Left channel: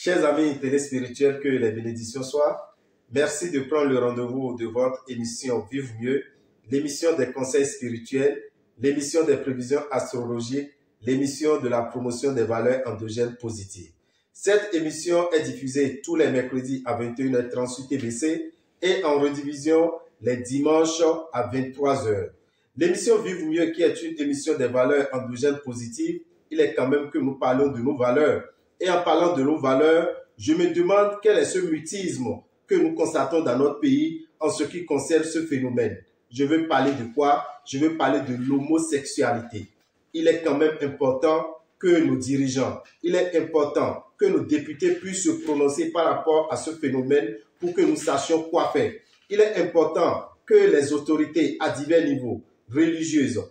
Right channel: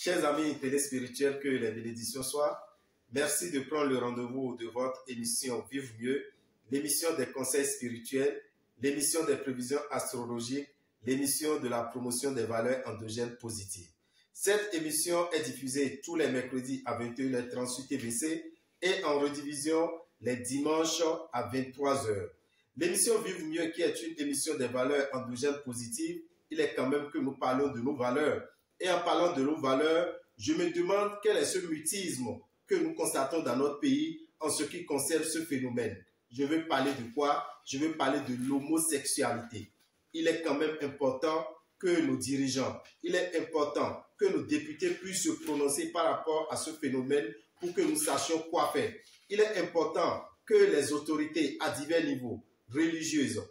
Chers amis téléspirituels, que les bénédictions soient. Merci de prendre le rendez-vous de votre émission Vivre mieux, l'émission des conseils spirituels, l'émission des prévisions astrologiques, l'émission de la promotion des valeurs endogènes positives. Cette émission est diffusée tous les mercredis à 21h30 sur TVC et en rediffusion les dimanches à 23h. L'émission Vivre mieux, qui est une émission des valeurs endogènes positives, il est quand même que nous parlons de nos valeurs. Et en parlant de nos valeurs, je me demande quel est ce mutisme que nous constatons dans notre pays en ce qui concerne ce phénomène. Je veux parler de quoi? Je veux parler de l'homosexualité. Il est quand même important que nos dirigeants, il est important que nos députés puissent se prononcer par rapport à ce phénomène pour que nous sachions quoi faire. Il est important que les autorités à divers niveaux, religieuses,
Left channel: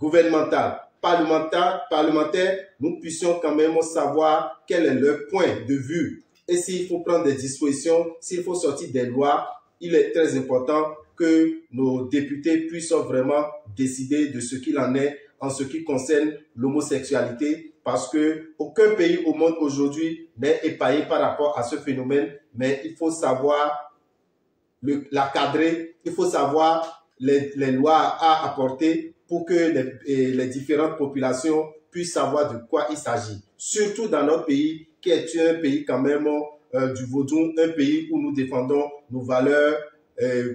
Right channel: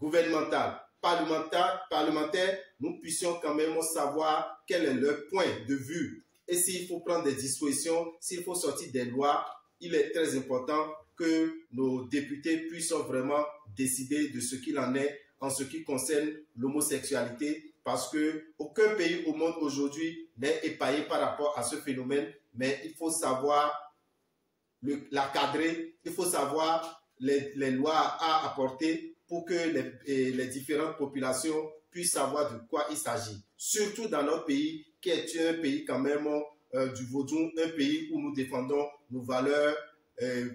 gouvernementales, parlementaires, nous puissions quand même savoir quel est leur point de vue. Et s'il faut prendre des dispositions, s'il faut sortir des lois, il est très important que nos députés puissent vraiment décider de ce qu'il en est en ce qui concerne l'homosexualité, parce que aucun pays au monde aujourd'hui n'est épargné par rapport à ce phénomène, mais il faut savoir la cadrer, il faut savoir les lois à apporter pour que les différentes populations puissent savoir de quoi il s'agit. Surtout dans notre pays, qui est un pays quand même du vaudou, un pays où nous défendons nos valeurs,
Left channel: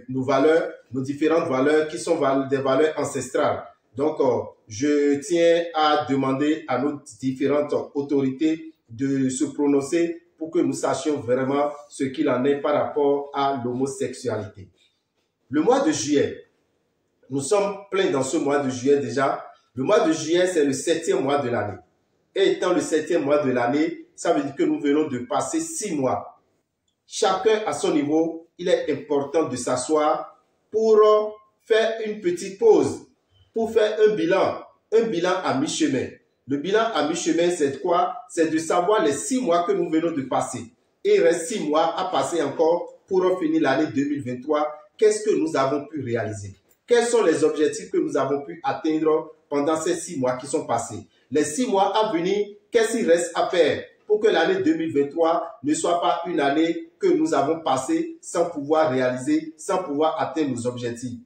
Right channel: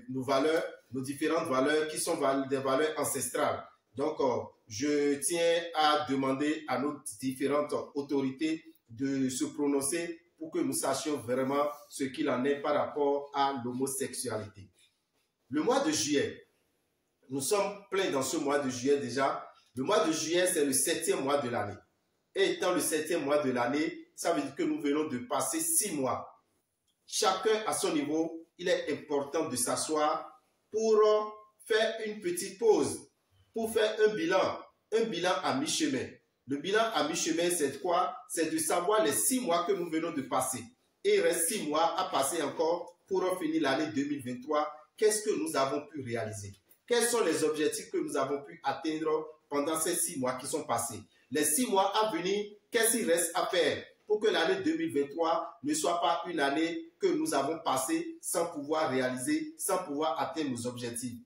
nos différentes valeurs qui sont des valeurs ancestrales. Donc, je tiens à demander à nos différentes autorités de se prononcer pour que nous sachions vraiment ce qu'il en est par rapport à l'homosexualité. Le mois de juillet, nous sommes pleins dans ce mois de juillet déjà. Le mois de juillet, c'est le 7e mois de l'année. Et étant le 7e mois de l'année, ça veut dire que nous venons de passer 6 mois. Chacun à son niveau, il est important de s'asseoir pour faire une petite pause, pour faire un bilan à mi-chemin. Le bilan à mi-chemin, c'est quoi? C'est de savoir les 6 mois que nous venons de passer. Et il reste 6 mois à passer encore pour finir l'année 2023. Qu'est-ce que nous avons pu réaliser? Quels sont les objectifs que nous avons pu atteindre pendant ces 6 mois qui sont passés? Les 6 mois à venir, qu'est-ce qu'il reste à faire pour que l'année 2023 ne soit pas une année que nous avons passée sans pouvoir réaliser, sans pouvoir atteindre nos objectifs?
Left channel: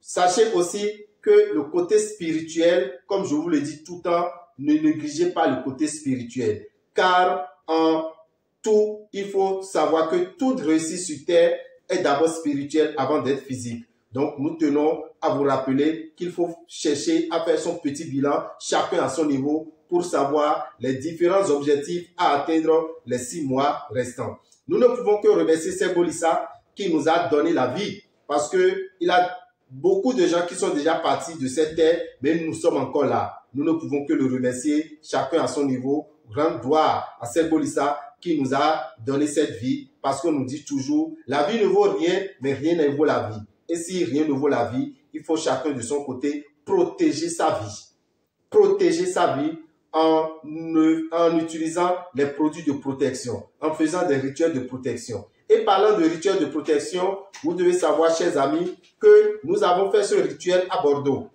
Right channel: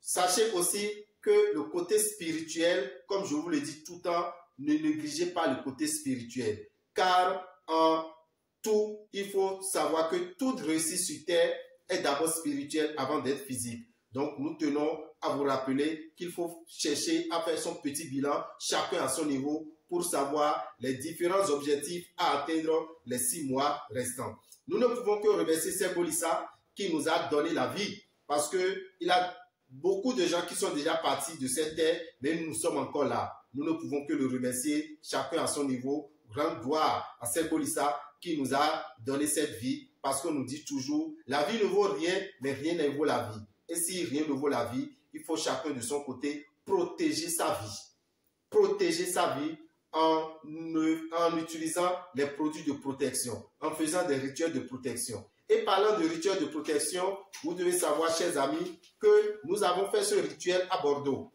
Sachez aussi que le côté spirituel, comme je vous le dis tout le temps, ne négligez pas le côté spirituel. Car en tout, il faut savoir que toute réussite sur terre est d'abord spirituelle avant d'être physique. Donc, nous tenons à vous rappeler qu'il faut chercher à faire son petit bilan, chacun à son niveau, pour savoir les différents objectifs à atteindre les 6 mois restants. Nous ne pouvons que remercier Serbolissa qui nous a donné la vie, parce qu'il y a beaucoup de gens qui sont déjà partis de cette terre, mais nous sommes encore là. Nous ne pouvons que le remercier, chacun à son niveau. Grande gloire à Serbolissa qui nous a donné cette vie, parce qu'on nous dit toujours, la vie ne vaut rien, mais rien ne vaut la vie. Et si rien ne vaut la vie, il faut chacun de son côté protéger sa vie. Protéger sa vie en utilisant les produits de protection, en faisant des rituels de protection. Et parlant de rituels de protection, vous devez savoir, chers amis, que nous avons fait ce rituel à Bordeaux.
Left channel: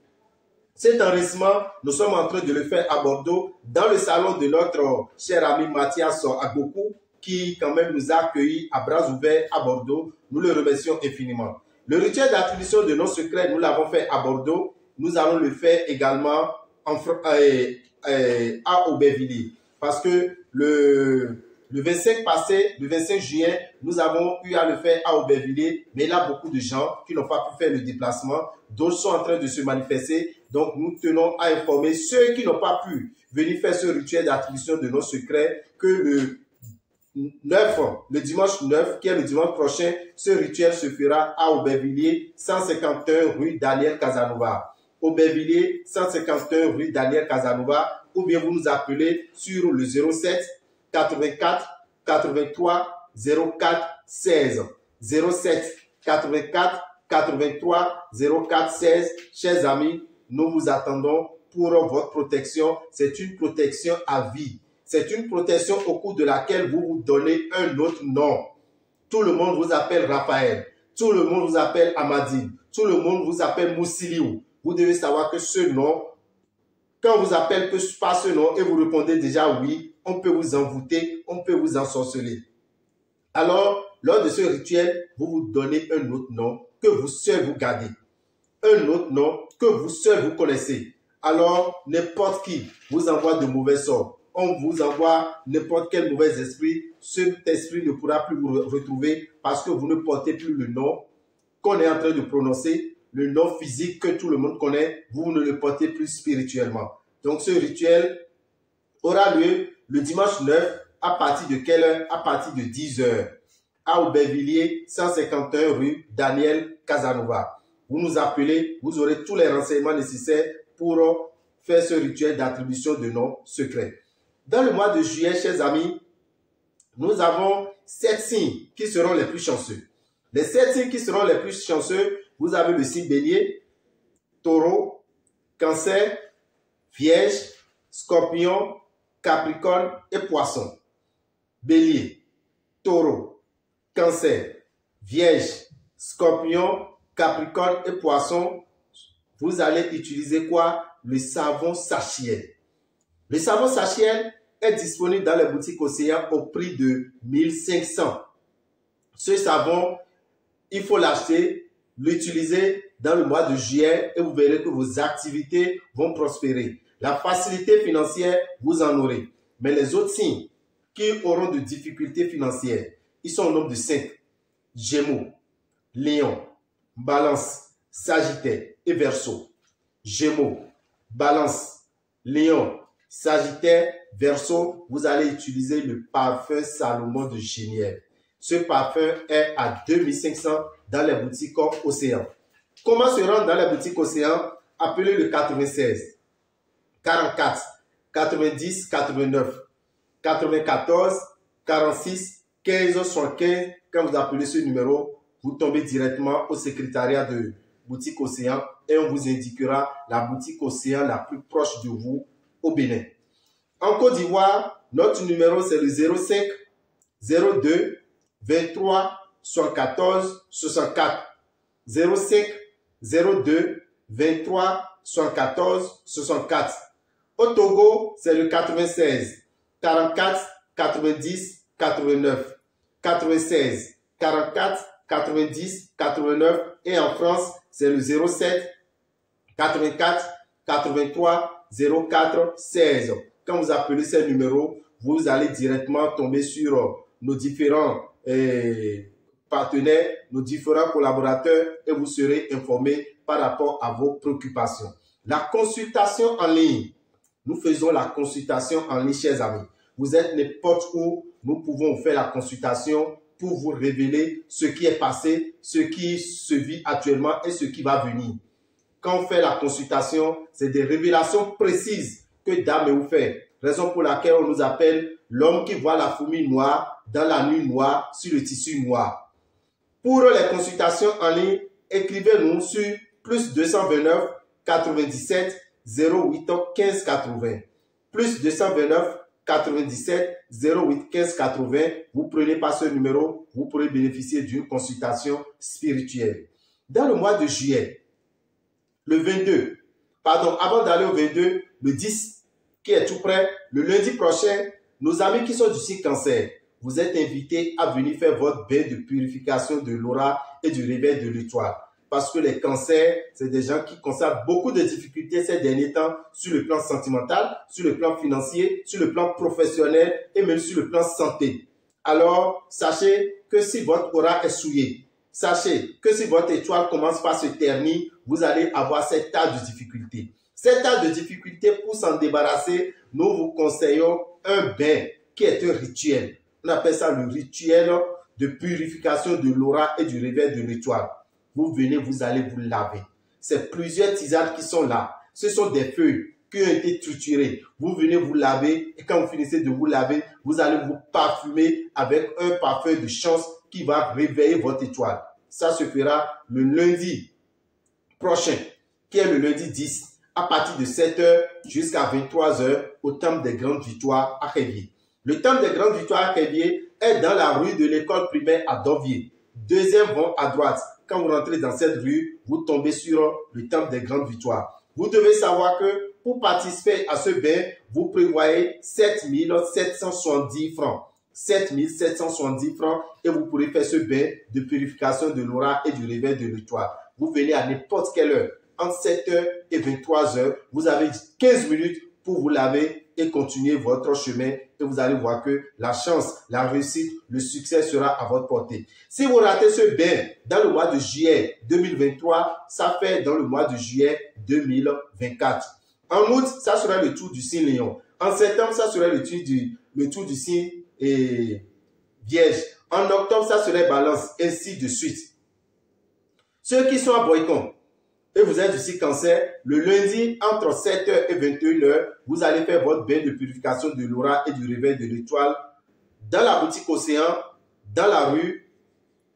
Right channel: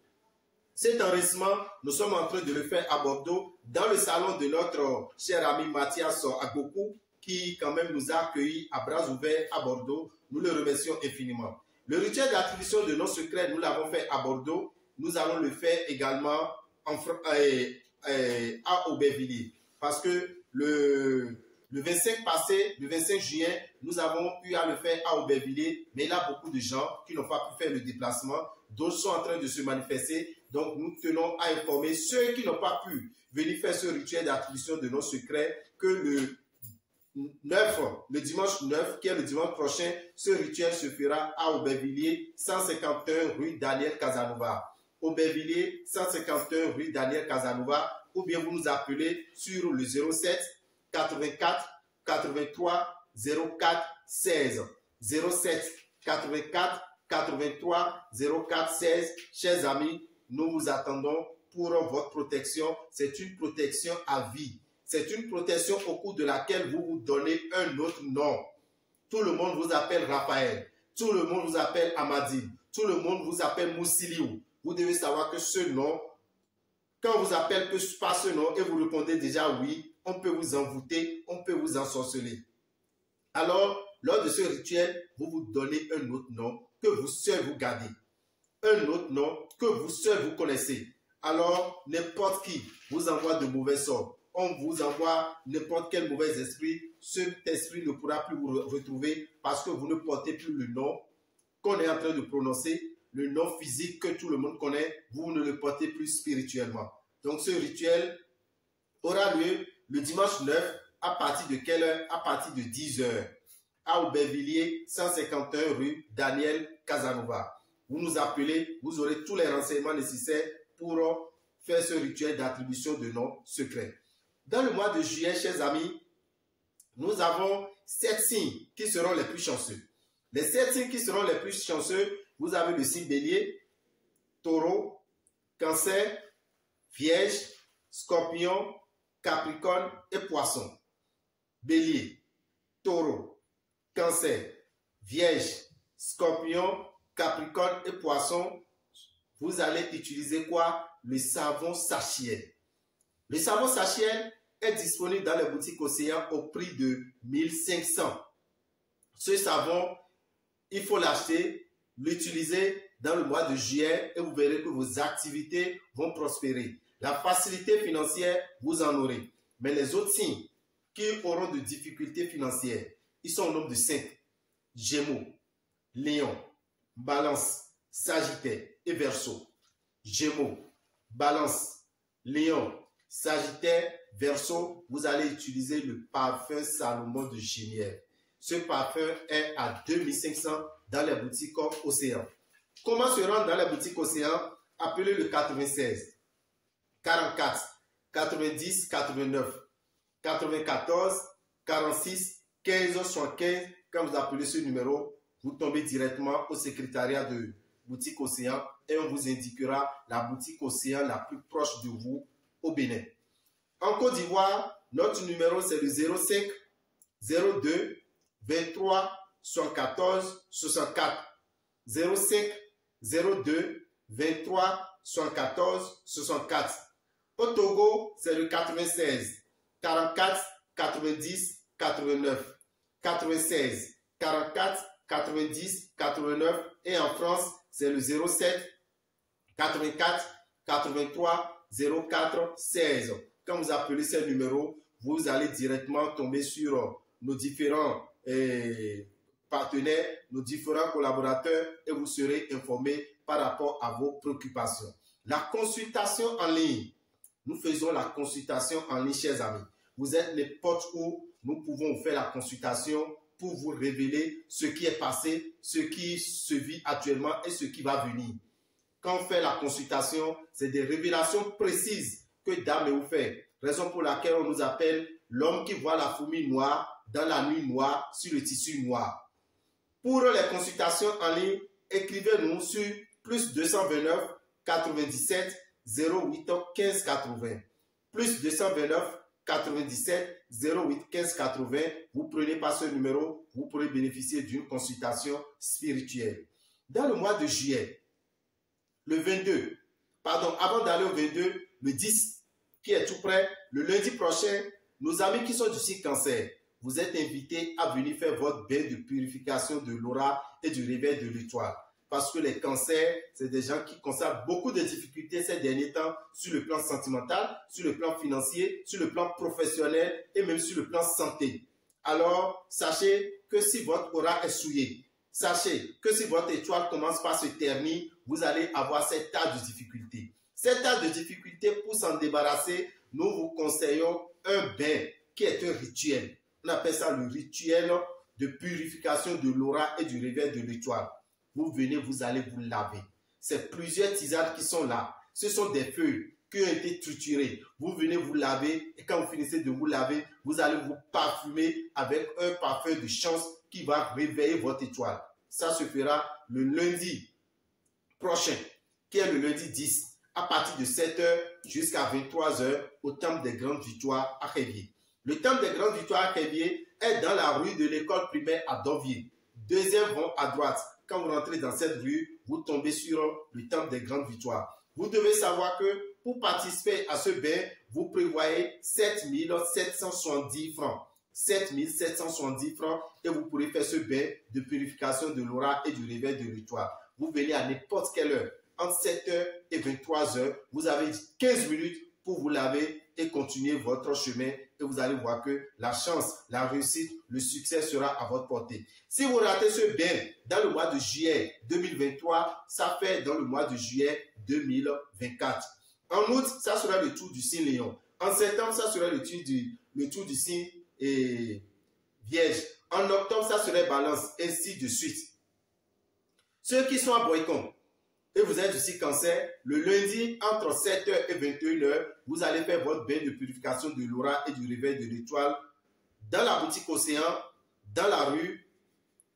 Cet enregistrement, nous sommes en train de le faire à Bordeaux, dans le salon de notre cher ami Mathias Agbokou, qui quand même nous a accueillis à bras ouverts à Bordeaux. Nous le remercions infiniment. Le rituel d'attribution de nos secrets, nous l'avons fait à Bordeaux. Nous allons le faire également à Aubervilliers. Parce que le 25 juin, nous avons eu à le faire à Aubervilliers. Mais il y a beaucoup de gens qui n'ont pas pu faire le déplacement. D'autres sont en train de se manifester. Donc, nous tenons à informer ceux qui n'ont pas pu venir faire ce rituel d'attribution de nos secrets que le dimanche 9, qui est le dimanche prochain, ce rituel se fera à Aubervilliers, 151 rue Daniel Casanova. Aubervilliers, 151 rue Daniel Casanova, ou bien vous nous appelez sur le 07 84 83 04 16. 07 84 83 04 16. Chers amis, nous vous attendons pour votre protection. C'est une protection à vie. C'est une protection au cours de laquelle vous vous donnez un autre nom. Tout le monde vous appelle Raphaël. Tout le monde vous appelle Amadine. Tout le monde vous appelle Moussiliou. Vous devez savoir que ce nom, quand on vous appelle par ce nom et vous répondez déjà oui, on peut vous envoûter, on peut vous ensorceler. Alors, lors de ce rituel, vous vous donnez un autre nom que vous seul vous gardez. Un autre nom que vous seul vous connaissez. Alors, n'importe qui vous envoie de mauvais sorts. On vous envoie n'importe quel mauvais esprit. Cet esprit ne pourra plus vous retrouver parce que vous ne portez plus le nom qu'on est en train de prononcer, le nom physique que tout le monde connaît, vous ne le portez plus spirituellement. Donc, ce rituel aura lieu le dimanche 9 à partir de quelle heure? À partir de 10 heures. À Aubervilliers, 151 rue Daniel Casanova. Vous nous appelez, vous aurez tous les renseignements nécessaires pour faire ce rituel d'attribution de noms secrets. Dans le mois de juillet, chers amis, nous avons 7 signes qui seront les plus chanceux. Les 7 signes qui seront les plus chanceux, vous avez le signe Bélier, Taureau, Cancer, Vierge, Scorpion, Capricorne et Poisson. Bélier, Taureau, Cancer, Vierge, Scorpion, Capricorne et Poisson. Vous allez utiliser quoi? Le savon Sachiel. Le savon Sachiel est disponible dans les boutiques Océan au prix de 1500. Ce savon, il faut l'acheter, l'utiliser dans le mois de juillet et vous verrez que vos activités vont prospérer. La facilité financière, vous en aurez. Mais les autres signes qui auront de difficultés financières, ils sont au nombre de 5. Gémeaux, Lion, Balance, Sagittaire et Verseau. Gémeaux, Balance, Lion, Sagittaire, Verseau, vous allez utiliser le parfum Salomon de Génièvre. Ce parfum est à 2500 dans les boutiques Océan. Comment se rendre dans les boutiques Océan? Appelez le 96 44 90 89 94 46 15 75. Quand vous appelez ce numéro, vous tombez directement au secrétariat de boutique Océan et on vous indiquera la boutique Océan la plus proche de vous au Bénin. En Côte d'Ivoire, notre numéro c'est le 05 02 23 74 64. 05 02 23 74 64. Au Togo, c'est le 96 44 90 89. 96 44 90 89. Et en France, c'est le 07 84 83 04 16. Quand vous appelez ces numéros, vous allez directement tomber sur nos différents partenaires, nos différents collaborateurs et vous serez informés par rapport à vos préoccupations. La consultation en ligne. Nous faisons la consultation en ligne, chers amis. Vous êtes n'importe où, nous pouvons vous faire la consultation pour vous révéler ce qui est passé, ce qui se vit actuellement et ce qui va venir. Quand on fait la consultation, c'est des révélations précises que Dame vous fait. Raison pour laquelle on nous appelle l'homme qui voit la fourmi noire dans la nuit noire sur le tissu noir. Pour les consultations en ligne, écrivez-nous sur plus 229 97 08 15 80. Plus 229 97 08 15 80. Vous prenez par ce numéro, vous pourrez bénéficier d'une consultation spirituelle. Dans le mois de juillet, le 22, pardon, avant d'aller au 22, le 10 qui est tout près, le lundi prochain, nos amis qui sont du signe Cancer, vous êtes invités à venir faire votre bain de purification de l'aura et du réveil de l'étoile. Parce que les cancers, c'est des gens qui constatent beaucoup de difficultés ces derniers temps sur le plan sentimental, sur le plan financier, sur le plan professionnel et même sur le plan santé. Alors, sachez que si votre aura est souillée, sachez que si votre étoile commence par se ternir, vous allez avoir cet tas de difficultés. Cet tas de difficultés, pour s'en débarrasser, nous vous conseillons un bain qui est un rituel. On appelle ça le rituel de purification de l'aura et du réveil de l'étoile. Vous venez, vous allez vous laver. C'est plusieurs tisanes qui sont là. Ce sont des feuilles qui ont été triturées. Vous venez vous laver et quand vous finissez de vous laver, vous allez vous parfumer avec un parfum de chance qui va réveiller votre étoile. Ça se fera le lundi prochain, qui est le lundi 10, à partir de 7h jusqu'à 23h au Temple des Grandes Victoires à Révier. Le Temple des Grandes Victoires à Révier est dans la rue de l'école primaire à Dovier. Deuxième rond à droite. Quand vous rentrez dans cette rue, vous tombez sur le Temple des Grandes Victoires. Vous devez savoir que pour participer à ce bain, vous prévoyez 7 770 francs. 7 770 francs et vous pourrez faire ce bain de purification de l'aura et du réveil de l'étoile. Vous venez à n'importe quelle heure, entre 7h et 23h, vous avez 15 minutes pour vous laver et continuer votre chemin et vous allez voir que la chance, la réussite, le succès sera à votre portée. Si vous ratez ce bain dans le mois de juillet 2023, ça fait dans le mois de juillet 2024. En août, ça sera le tour du signe Lion. En septembre, ça sera le tour du signe Vierge. En octobre, ça serait Balance, ainsi de suite. Ceux qui sont à Boycon et vous êtes du signe Cancer, le lundi, entre 7h et 21h, vous allez faire votre bain de purification de l'aura et du réveil de l'étoile dans la boutique Océan, dans la rue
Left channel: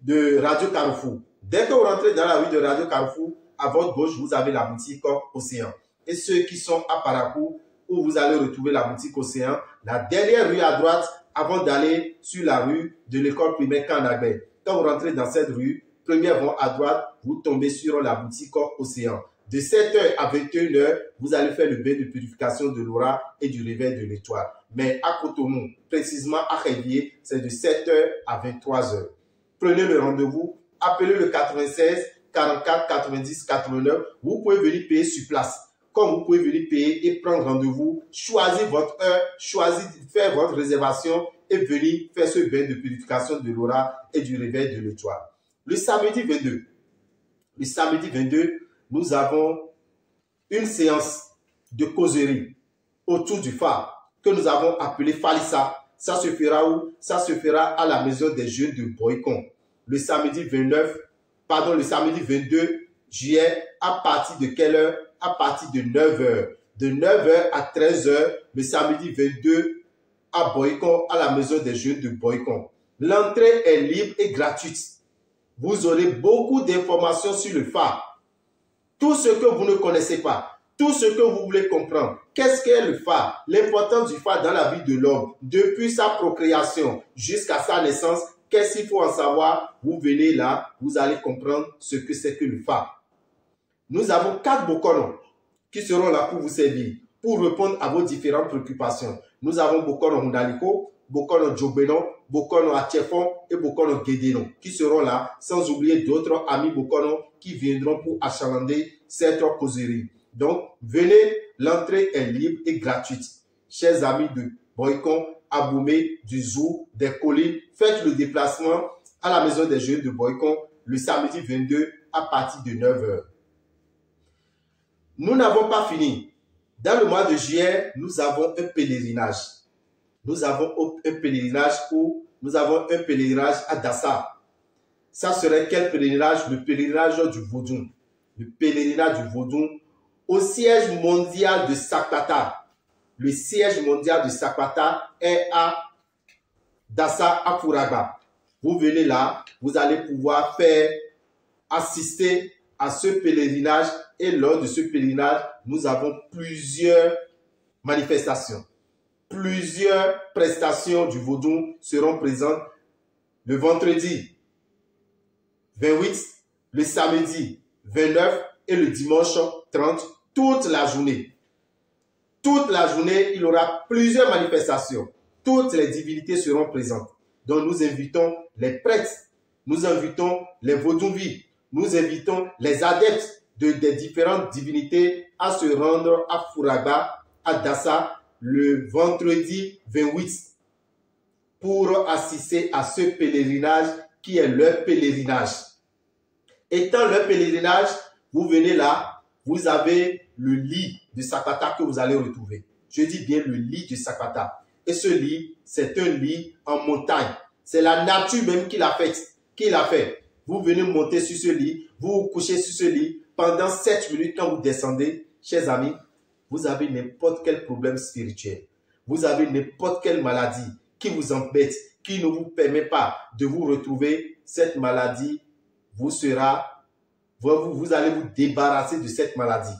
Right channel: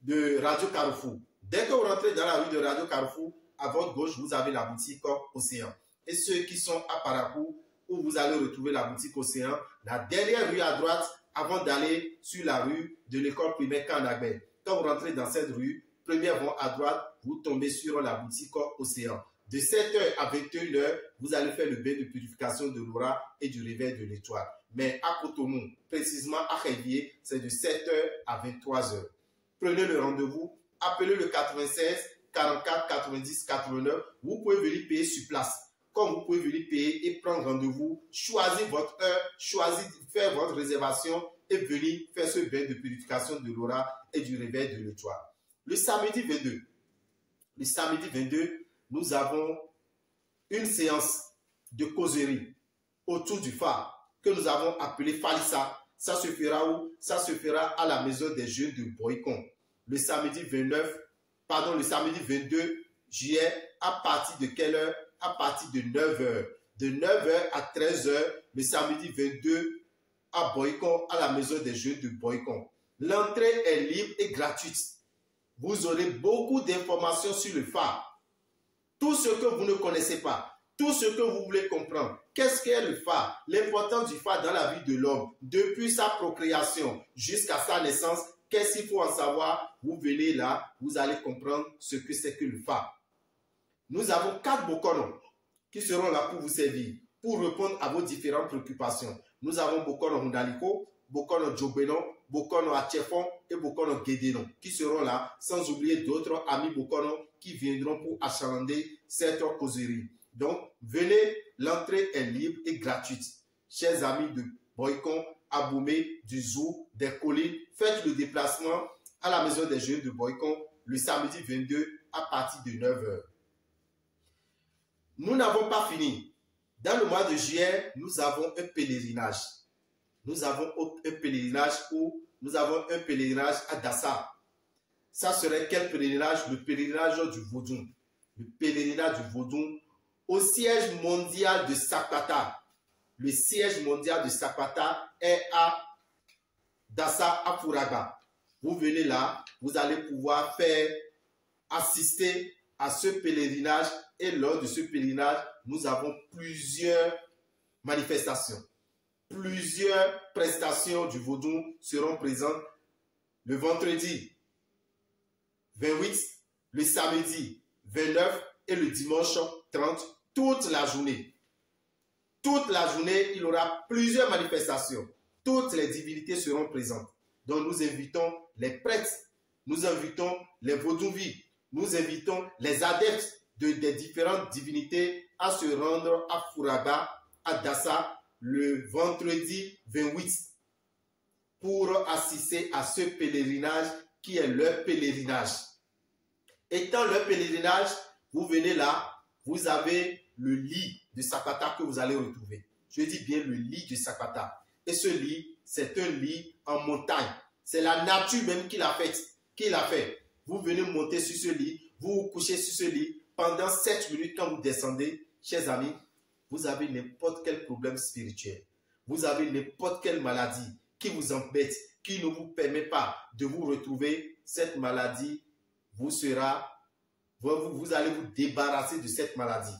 de Radio Carrefour. Dès que vous rentrez dans la rue de Radio Carrefour, à votre gauche, vous avez la boutique Océan. Et ceux qui sont à Parakou, où vous allez retrouver la boutique Océan, la dernière rue à droite, avant d'aller sur la rue de l'école primaire Kanagbe. Quand vous rentrez dans cette rue, première voie à droite, vous tombez sur la boutique Océan. De 7h à 21h, vous allez faire le bain de purification de l'aura et du réveil de l'étoile. Mais à Cotonou, précisément à Révier, c'est de 7h à 23h. Prenez le rendez-vous, appelez le 96 44 90 89. Vous pouvez venir payer sur place. Comme vous pouvez venir payer et prendre rendez-vous, choisir votre heure, faire votre réservation et venir faire ce bain de purification de l'aura et du réveil de l'étoile. Le samedi 22, nous avons une séance de causerie autour du phare que nous avons appelé Falissa. Ça se fera où? Ça se fera à la maison des jeunes de Boycon. Le samedi 22 juillet, à partir de quelle heure? À partir de 9h. De 9h à 13h, le samedi 22 à Boycon, à la maison des jeunes de Boycon. L'entrée est libre et gratuite. Vous aurez beaucoup d'informations sur le phare. Tout ce que vous ne connaissez pas, tout ce que vous voulez comprendre. Qu'est-ce qu'est le phare? L'importance du phare dans la vie de l'homme, depuis sa procréation jusqu'à sa naissance. Qu'est-ce qu'il faut en savoir? Vous venez là, vous allez comprendre ce que c'est que le phare. Nous avons 4 Bokono qui seront là pour vous servir, pour répondre à vos différentes préoccupations. Nous avons Bokono Mundaliko, Bokono Djobeno, Bokono Atiefon et Bokono Gedeno qui seront là, sans oublier d'autres amis Bokono qui viendront pour achalander cette causerie. Donc, venez, l'entrée est libre et gratuite. Chers amis de Boycon, Aboumé, du Zou, des collines, faites le déplacement à la maison des jeunes de Boycon le samedi 22 à partir de 9h. Nous n'avons pas fini. Dans le mois de juillet, nous avons un pèlerinage. Nous avons un pèlerinage à Dassa. Ça serait quel pèlerinage? Le pèlerinage du Vaudou. Le pèlerinage du Vaudou au siège mondial de Sakpata. Le siège mondial de Sakpata est à Dassa, à Fouragba. Vous venez là, vous allez pouvoir assister à ce pèlerinage. Et lors de ce pèlerinage, nous avons plusieurs manifestations. Plusieurs prestations du Vaudou seront présentes le vendredi 28, le samedi 29 et le dimanche 30, toute la journée. Toute la journée, il y aura plusieurs manifestations. Toutes les divinités seront présentes. Donc nous invitons les prêtres, nous invitons les Vaudouvis, nous invitons les adeptes des différentes divinités à se rendre à Fouragba, à Dassa, le vendredi 28 pour assister à ce pèlerinage qui est leur pèlerinage. Étant leur pèlerinage, vous venez là, vous avez le lit de Sakpata que vous allez retrouver. Je dis bien le lit de Sakpata. Et ce lit, c'est un lit en montagne. C'est la nature même qui l'a fait. Vous venez monter sur ce lit, vous vous couchez sur ce lit. Pendant 7 minutes, quand vous descendez, chers amis, vous avez n'importe quel problème spirituel. Vous avez n'importe quelle maladie qui vous embête, qui ne vous permet pas de vous retrouver. Cette maladie, vous allez vous débarrasser de cette maladie.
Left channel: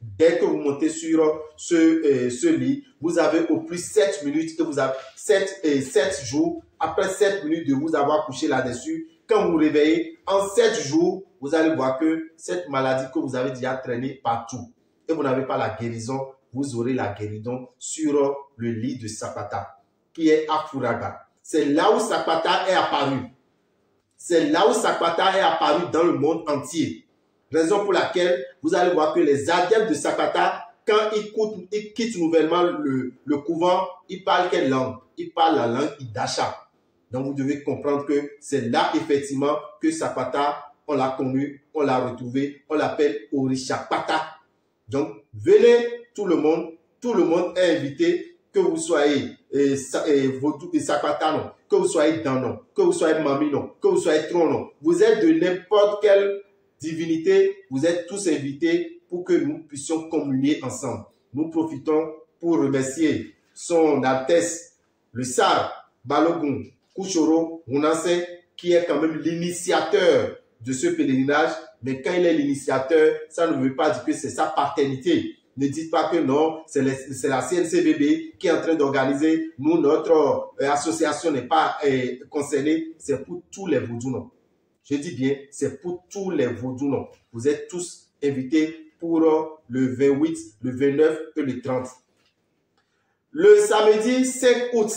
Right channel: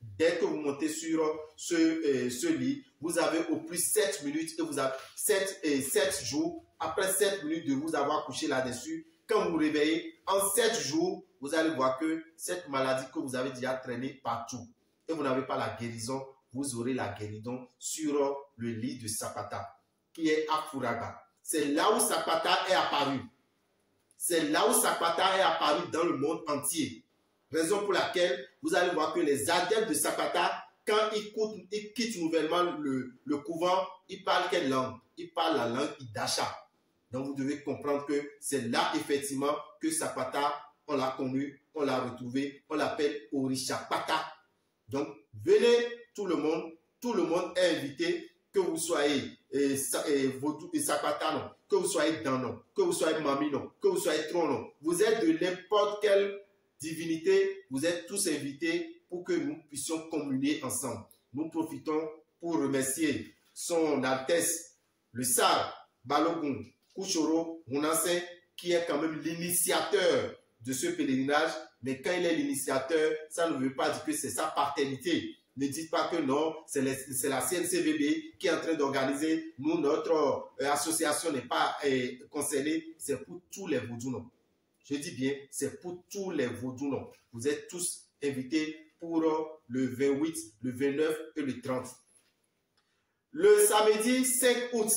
Dès que vous montez sur ce lit, vous avez au plus 7 minutes, que vous avez 7 jours. Après 7 minutes de vous avoir couché là-dessus, quand vous vous réveillez, en 7 jours, vous allez voir que cette maladie que vous avez déjà traînée partout et vous n'avez pas la guérison, vous aurez la guérison sur le lit de Sakpata qui est à Fouragba. c'est là où Sapata est apparu. C'est là où Sapata est apparu dans le monde entier. Raison pour laquelle vous allez voir que les adeptes de Sapata, quand ils quittent nouvellement le couvent, ils parlent quelle langue? Ils parlent la langue Idacha. Donc vous devez comprendre que c'est là effectivement que Sapata, on l'a connu, on l'a retrouvé, on l'appelle Orishapata. Donc venez tout le monde est invité, que vous soyez Vodou et Sapata, non, que vous soyez Danon, que vous soyez Mami, non, que vous soyez Tron, non. Vous êtes de n'importe quelle divinité, vous êtes tous invités pour que nous puissions communier ensemble. Nous profitons pour remercier son Altesse, le Sar Balogun Kouchoro Mounase, qui est quand même l'initiateur de ce pèlerinage. Mais quand il est l'initiateur, ça ne veut pas dire que c'est sa paternité. Ne dites pas que non, c'est la CNCBB qui est en train d'organiser. Nous, notre association n'est pas concernée. C'est pour tous les vaudous, non. Je dis bien, c'est pour tous les vaudous, non. Vous êtes tous invités pour le 28, le 29 et le 30. Le samedi 5 août,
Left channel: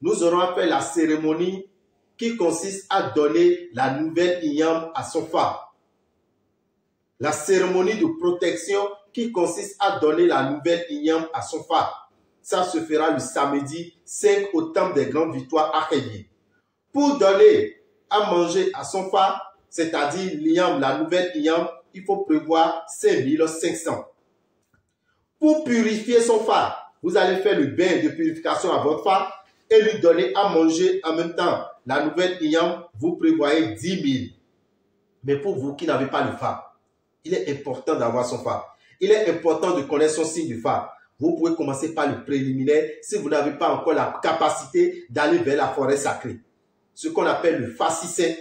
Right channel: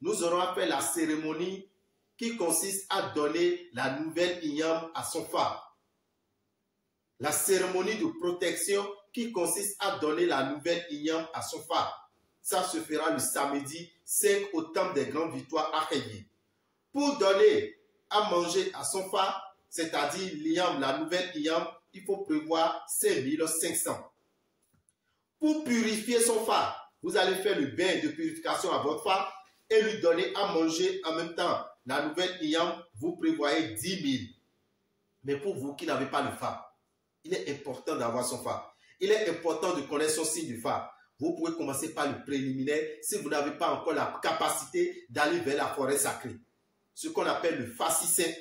nous aurons fait la cérémonie qui consiste à donner la nouvelle Inyam à son phare. La cérémonie de protection qui consiste à donner la nouvelle Inyam à son phare. Ça se fera le samedi 5 au temple des Grandes Victoires à Kédié. Pour donner à manger à son phare, c'est-à-dire l'Inyam, la nouvelle Inyam, il faut prévoir 5500. Pour purifier son phare, vous allez faire le bain de purification à votre phare et lui donner à manger en même temps. La nouvelle Inyam, vous prévoyez 10 000. Mais pour vous qui n'avez pas le phare, il est important d'avoir son phare. Il est important de connaître son signe du phare. Vous pouvez commencer par le préliminaire si vous n'avez pas encore la capacité d'aller vers la forêt sacrée. Ce qu'on appelle le Fascissin.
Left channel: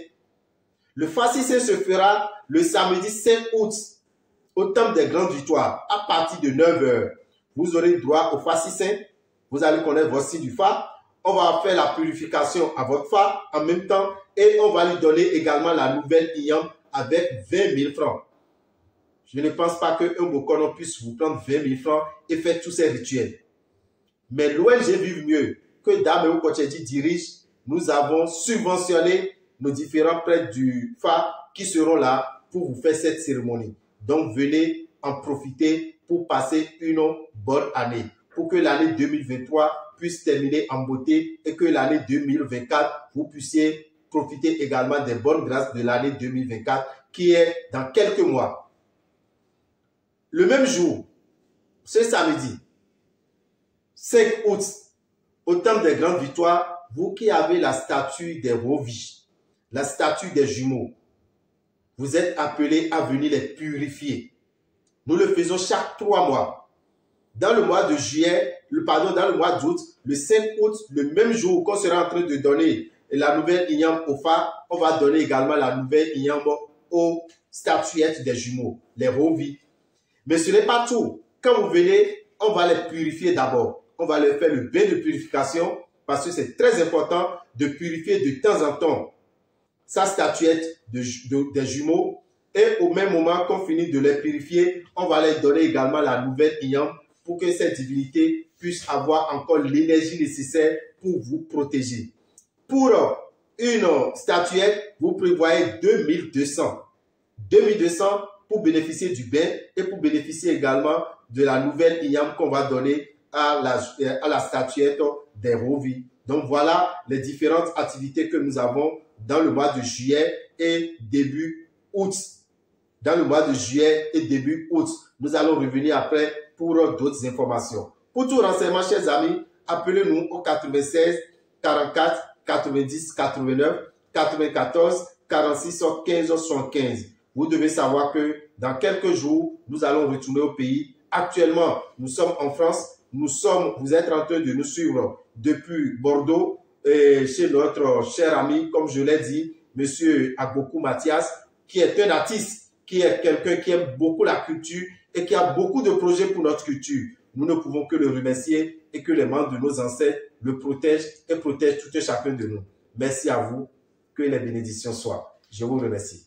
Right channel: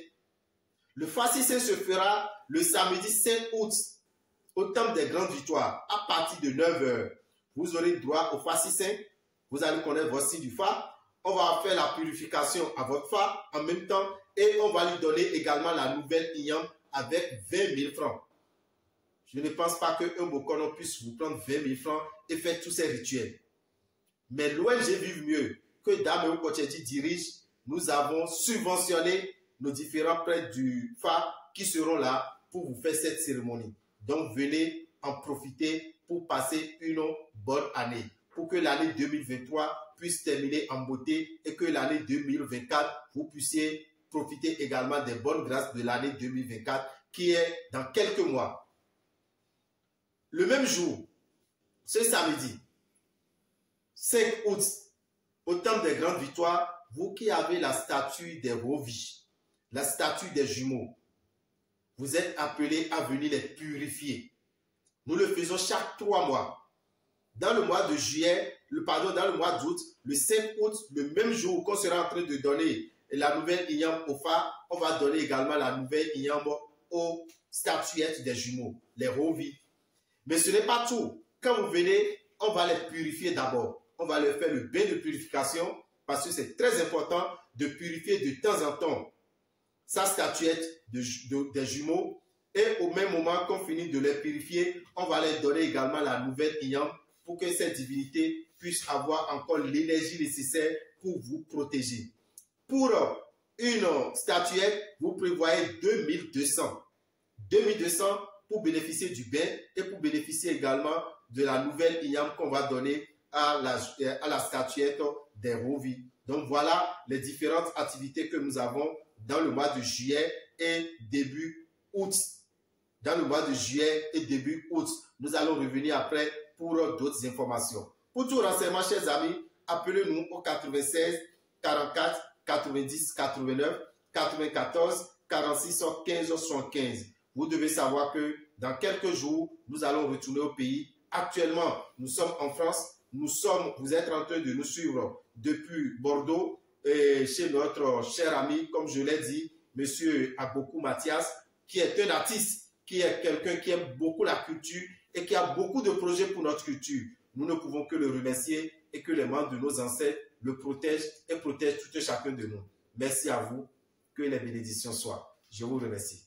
Le Fascissin se fera le samedi 5 août au temple des Grandes Victoires à partir de 9 h. Vous aurez droit au Fascissin. Vous allez connaître votre signe du phare. On va faire la purification à votre phare en même temps et on va lui donner également la nouvelle Inyam avec 20 000 francs. Je ne pense pas qu'un Bokono puisse vous prendre 20 000 francs et faire tous ces rituels. Mais l'ONG Vive Mieux, que Dame Kochedi dirige, nous avons subventionné nos différents prêtres du phare qui seront là pour vous faire cette cérémonie. Donc venez en profiter pour passer une bonne année. Pour que l'année 2023 puisse terminer en beauté et que l'année 2024, vous puissiez profiter également des bonnes grâces de l'année 2024 qui est dans quelques mois. Le même jour, ce samedi, 5 août, au temple des Grandes Victoires, vous qui avez la statue des Rovis, la statue des jumeaux, vous êtes appelés à venir les purifier. Nous le faisons chaque 3 mois. Dans le mois de juillet, dans le mois d'août, le 5 août, le même jour qu'on sera en train de donner la nouvelle Inyam au phare, on va donner également la nouvelle Inyam aux statuettes des jumeaux, les Rovis. Mais ce n'est pas tout. Quand vous venez, on va les purifier d'abord. On va leur faire le bain de purification parce que c'est très important de purifier de temps en temps sa statuette des jumeaux. Et au même moment qu'on finit de les purifier, on va leur donner également la nouvelle Inyam pour que cette divinité puisse avoir encore l'énergie nécessaire pour vous protéger. Pour une statuette, vous prévoyez 2200. 2200 pour bénéficier du bain et pour bénéficier également de la nouvelle Inyam qu'on va donner à la statuette des Rovis. Donc voilà les différentes activités que nous avons dans le mois de juillet et début août. Dans le mois de juillet et début août, nous allons revenir après pour d'autres informations. Pour tout renseignement, chers amis, appelez-nous au 96 44 90 89 94 46 15 75. Vous devez savoir que dans quelques jours, nous allons retourner au pays. Actuellement, nous sommes en France. Vous êtes en train de nous suivre depuis Bordeaux et chez notre cher ami, comme je l'ai dit, M. Agbokou Mathias, qui est un artiste, qui est quelqu'un qui aime beaucoup la culture et qui a beaucoup de projets pour notre culture. Nous ne pouvons que le remercier et que les membres de nos ancêtres le protègent et protègent tout et chacun de nous. Merci à vous. Que les bénédictions soient. Je vous remercie.